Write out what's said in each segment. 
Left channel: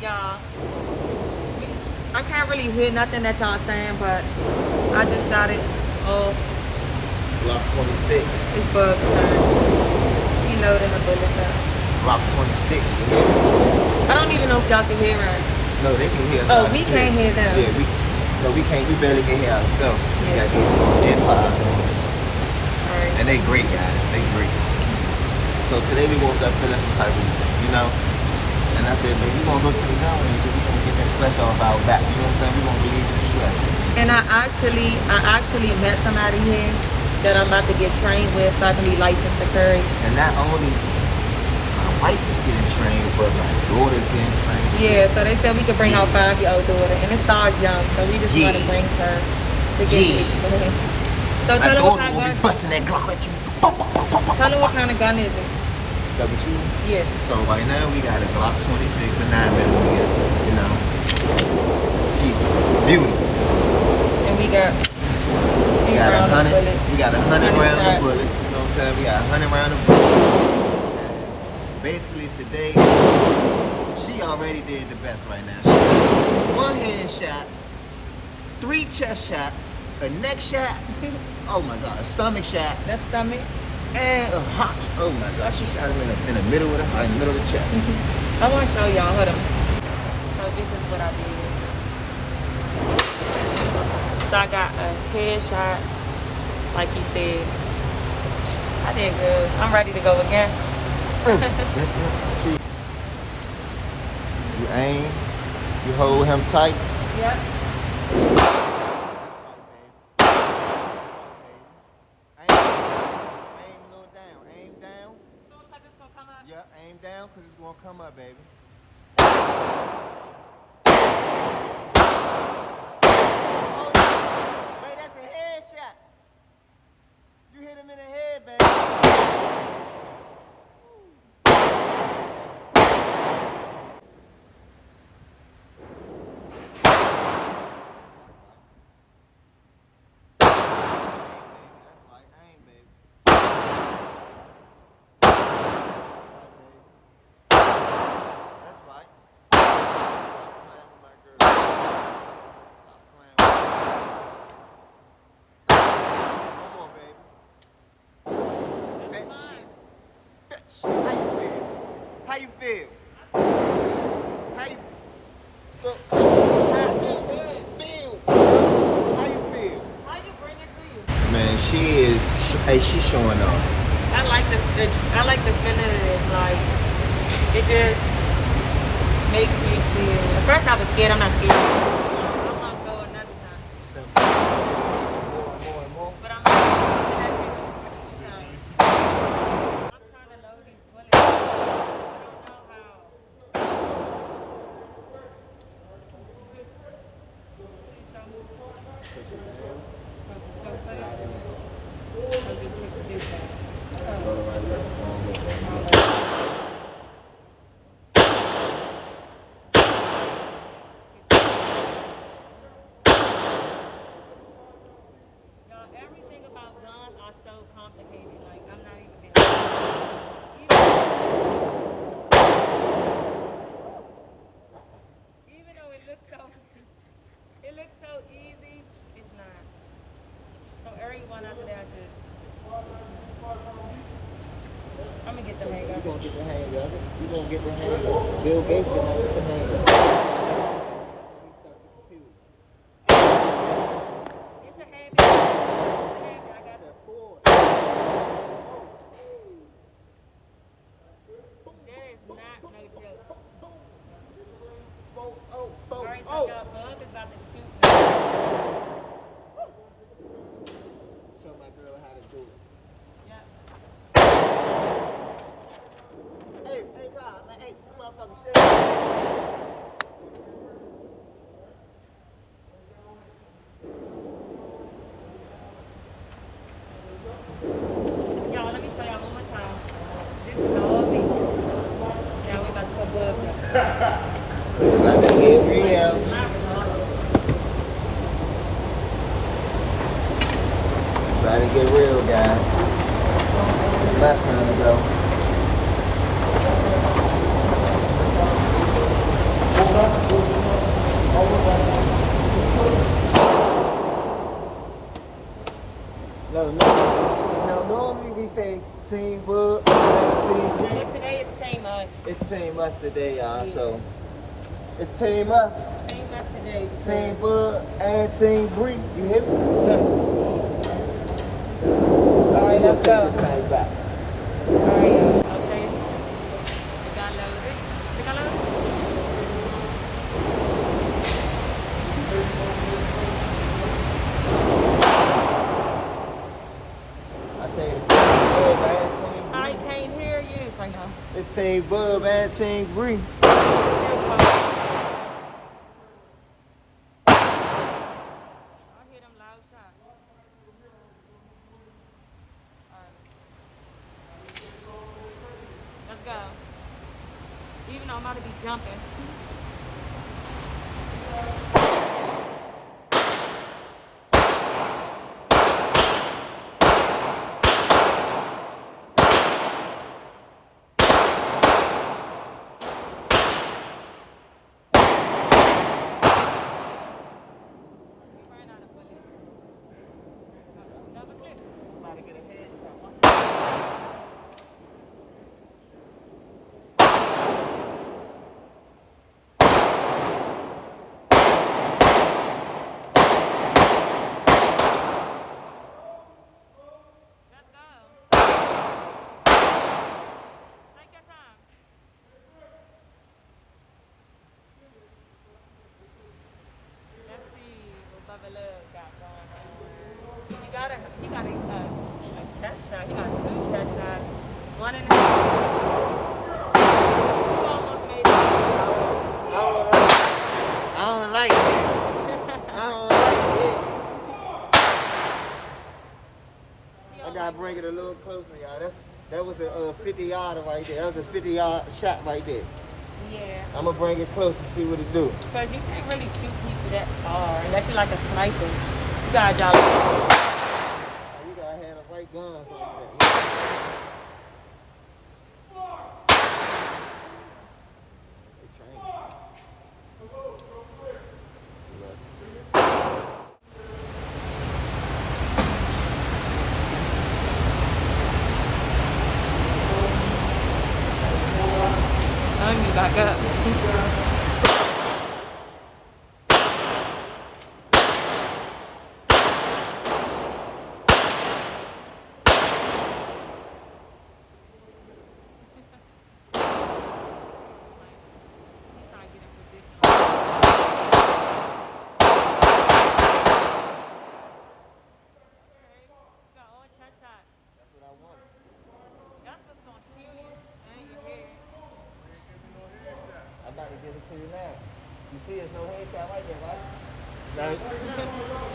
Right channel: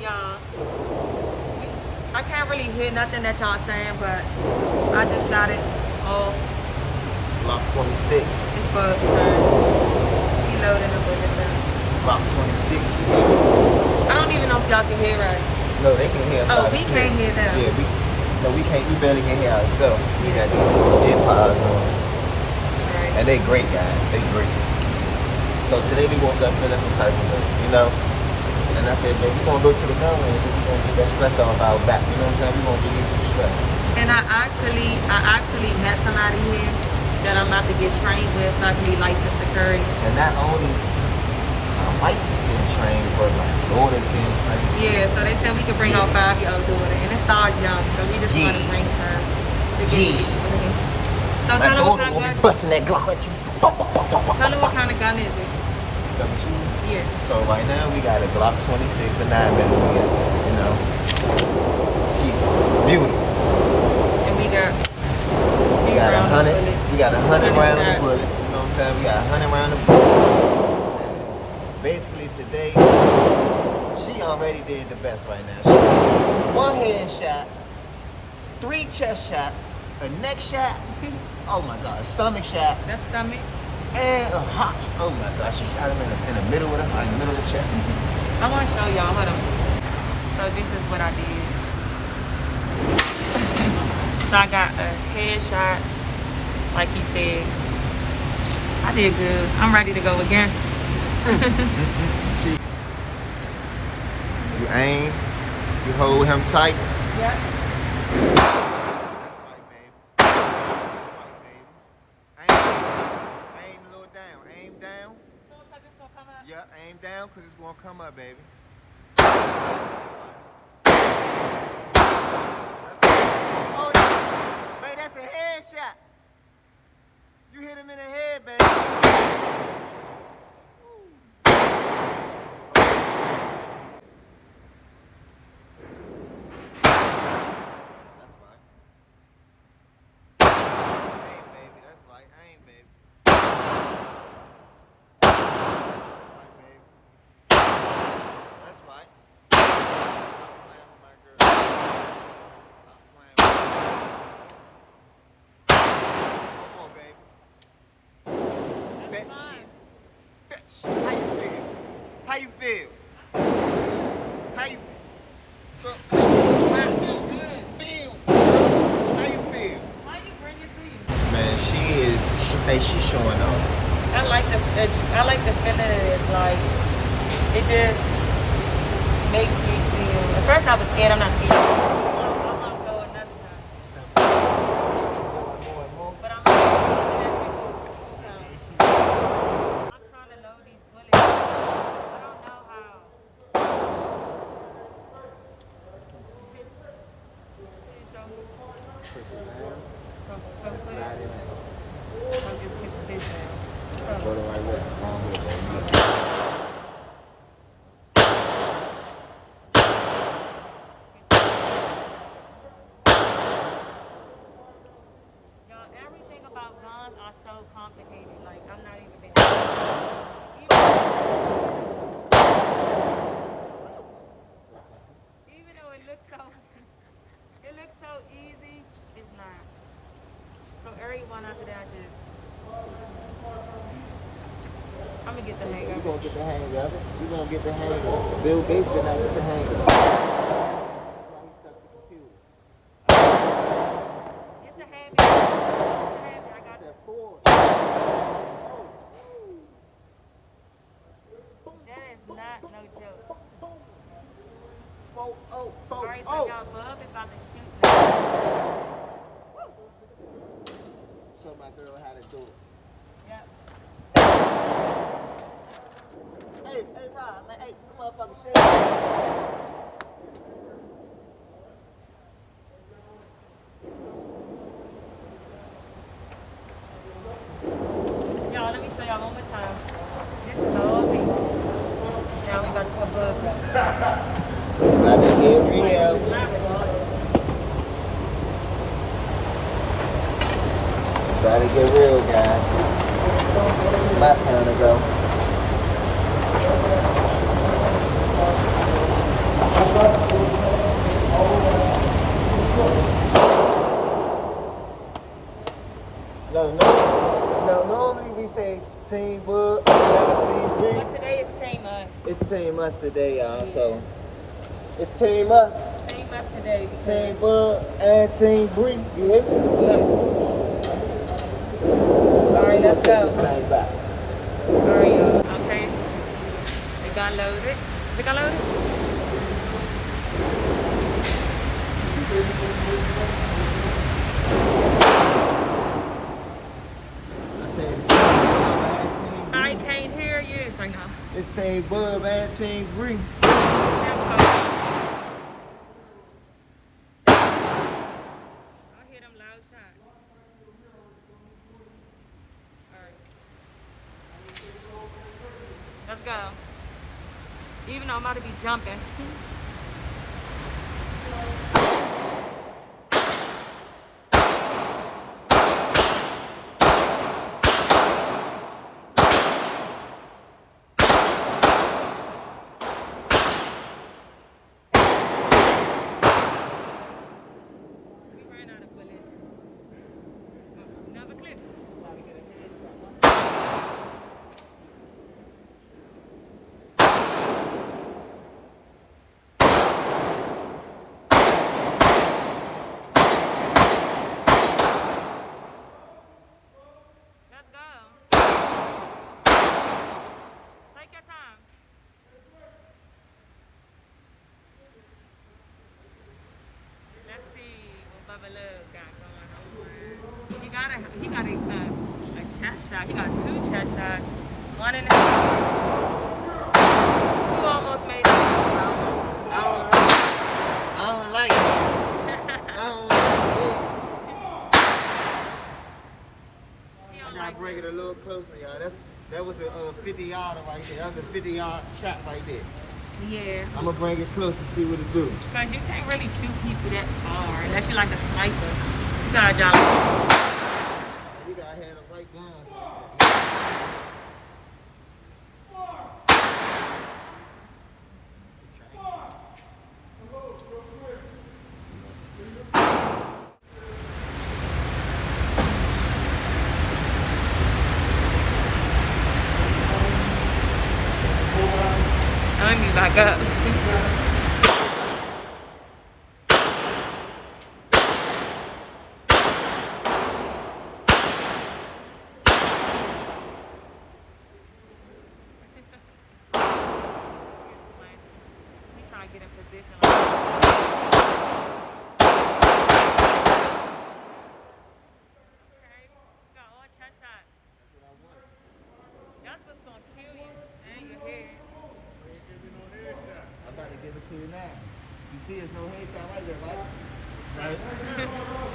y'all, I can't really hear nothing that y'all saying, but I just shot it off. Block 26. It's Bubb's turn. He loading the bullets up. Block 26. I don't even know if y'all can hear us. No, they can hear us. Oh, we can't hear them. Yeah, we can't. We barely can hear ourselves. Yeah. We got these earpods on. Right. And they great, guys. They great. So today we woke up feeling some type of way, you know? And I said, baby, we're going to go to the gun range and we're going to get that stress off our back. You know what I'm saying? We're going to release some stress. And I actually met somebody here that I'm about to get trained with so I can be licensed to carry. And not only my wife is getting trained, but my daughter's being trained. Yeah, so they said we could bring our 5-year-old daughter. And it starts young, so we just want to bring her to get the experience. So tell her what kind of gun. Busting that Glock at you. Tell her what kind of gun is it? Double shooter? Yeah. So right now we got a Glock 26 and 9mm, you know. She's beautiful. And we got We got 100 rounds of bullets. You know what I'm saying? We got 100 rounds of bullets. Basically today, she already did the best right now. She got 1 head shot, 3 chest shots, a neck shot. Oh my God, a stomach shot. That's stomach. And a hot, oh my God, she shot him in the middle of the chest. I want to show y'all, hold on. So this is what I did. So I got a headshot, like he said. I did good. I'm ready to go again. You aim, you hold him tight. Yep. Yeah, aim down because it's going to come up, baby. Oh, yeah. Baby, that's a headshot. You hit him in the head, baby. How you feel? How you feel? How you feel? Why you bring it to you? Man, she's showing up. I like the feeling of this. Like, it just makes me feel. At first I was scared. I'm not scared. I want to go another time. More. But I'm trying to load these bullets. I don't know how. I'm just pushing this down. Go to right left. Wrong way, right? Everything about guns are so complicated. Like, I'm not even there. Even though it looks so easy, it's not. So everyone after that I'm gonna get the hang of it. You're gonna get the hang of it. You're gonna get the hang of it. Bill Gates did not get the hang of it. That's why he stuck to computers. It's a habit. I got that board. That is not no joke. Alright, so y'all, Bubb is about to shoot now. Show my girl how to do it. Yeah. Hey, Rob, man, hey, come motherfucker, shit. Y'all, let me show y'all one more time. This is all me. Now we about to put Bubb up. It's about to get real. About to get real, guys. My turn to go. Team Bubb, got Team Bree. But today is Team Us. It's Team Us today, y'all. So it's Team Us. Team Us today. Team Bubb and Team Bree. You hear me? Simple. Alright, We'll let's take go. this thing back. Alright, y'all. Okay. It got loaded. It got loaded? I said it's Team Bubb and Team Bree. I can't hear you. I know. It's Team Bubb and Team Bree. Let's go. Even though I'm about to be jumping. We ran out of bullets. Another clip. About to get a headshot. Let's go. Take your time. Let's see what Bubba Love got going on. He got a chest shot. He got 2 chest shots. 1 in the head. 2 almost made it. I don't like it. I don't like it. I gotta bring it a little closer, y'all. That was a 50-yarder right there. That was a 50-yard shot right there. Yeah. I'm gonna bring it close and see what it do. Because you can't really shoot people that far unless you're like a sniper. You gotta dial. You gotta have the right guns like that. Let me back up. He's trying to get in position. Okay, you got all chest shots. That's what I want. That's what's gonna kill you. And your head. I'm about to give it to you now. You see it's no headshot right there, right? Right?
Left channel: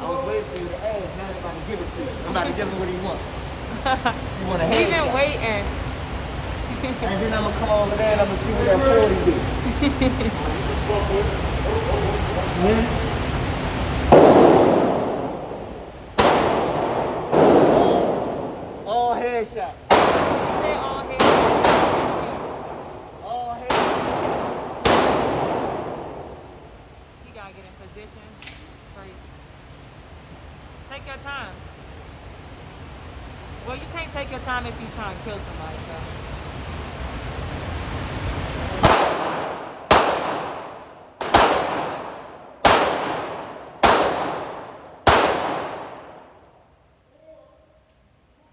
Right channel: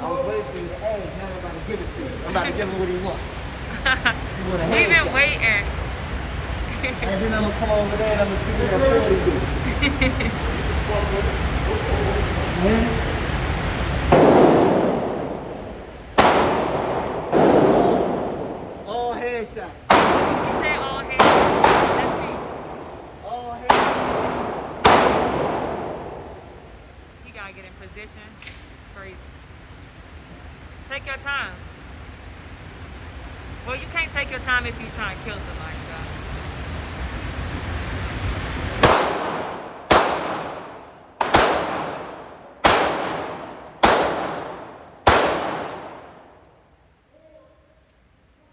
I was waiting for you to ask. Now I'm about to give it to you. I'm about to give him what he wants. You want a We've headshot. been waiting. And then I'm gonna come over there and I'm gonna see what that 40 do. All headshot. Say all head. All headshot. You gotta get in position. Crazy. Take your time. Well, you can't take your time if you're trying to kill somebody, though.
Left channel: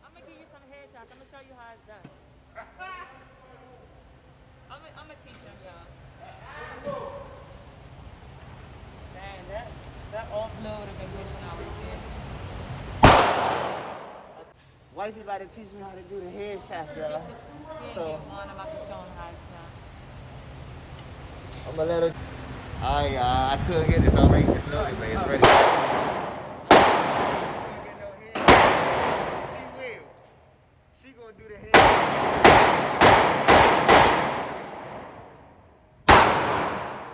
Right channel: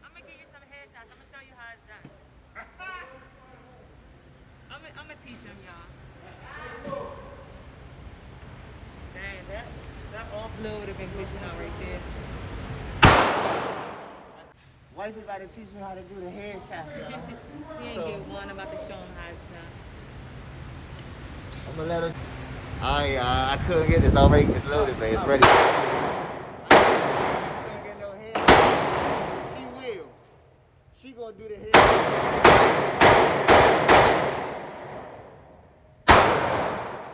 I'm gonna give you some headshots. I'm gonna show you how it's done. I'm gonna teach them, y'all. Man, that all blow would have been good out right there. Wifey about to teach me how to do the headshot, y'all. He ain't get one. I'm about to show him how it's done. I'm gonna let her. Alright, I couldn't get this already. It's loaded, but it's ready. I can't get no headshot. She will. She gonna do the headshot.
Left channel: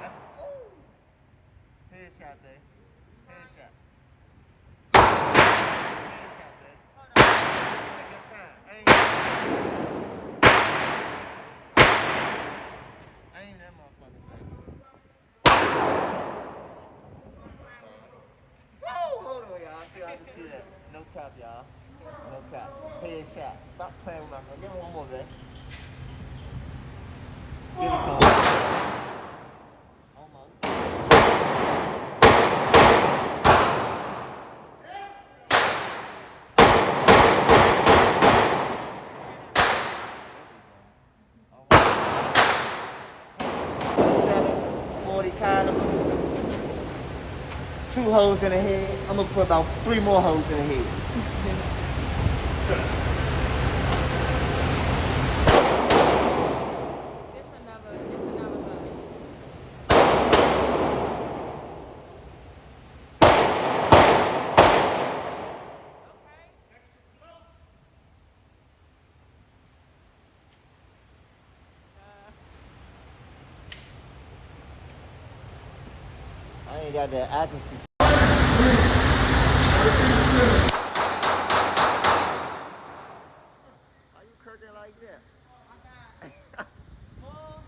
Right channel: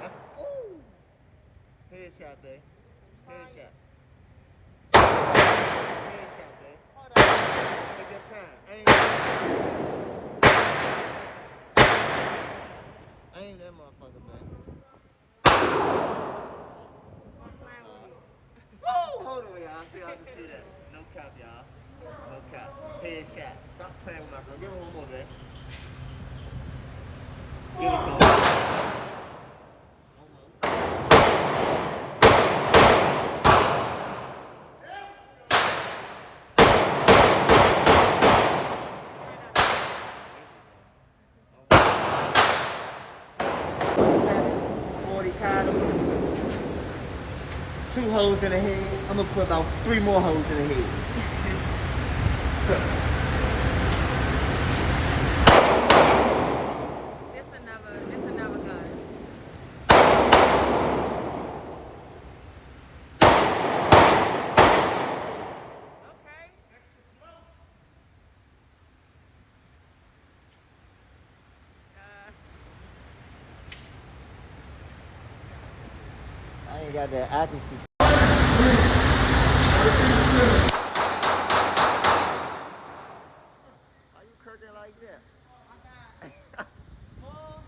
That's ooh. Headshot, babe. Headshot. Headshot, babe. Hold on. Take your time. Aim that motherfucker, babe. Whoa, hold on, y'all. See, I can see that. No cap, y'all. Okay. Headshot. Stop playing with my girl. Give me one more, babe. Give it to him. Almost. Almost. 40 caliber. 2 holes in the head. I'm gonna put about 3 more holes in the head. It's another gun. Okay. I ain't got that accuracy. Why you kirking like that? More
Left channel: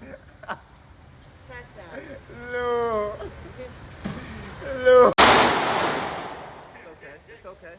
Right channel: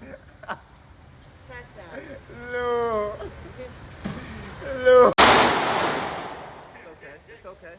cha-cha. No. No. It's okay. It's okay.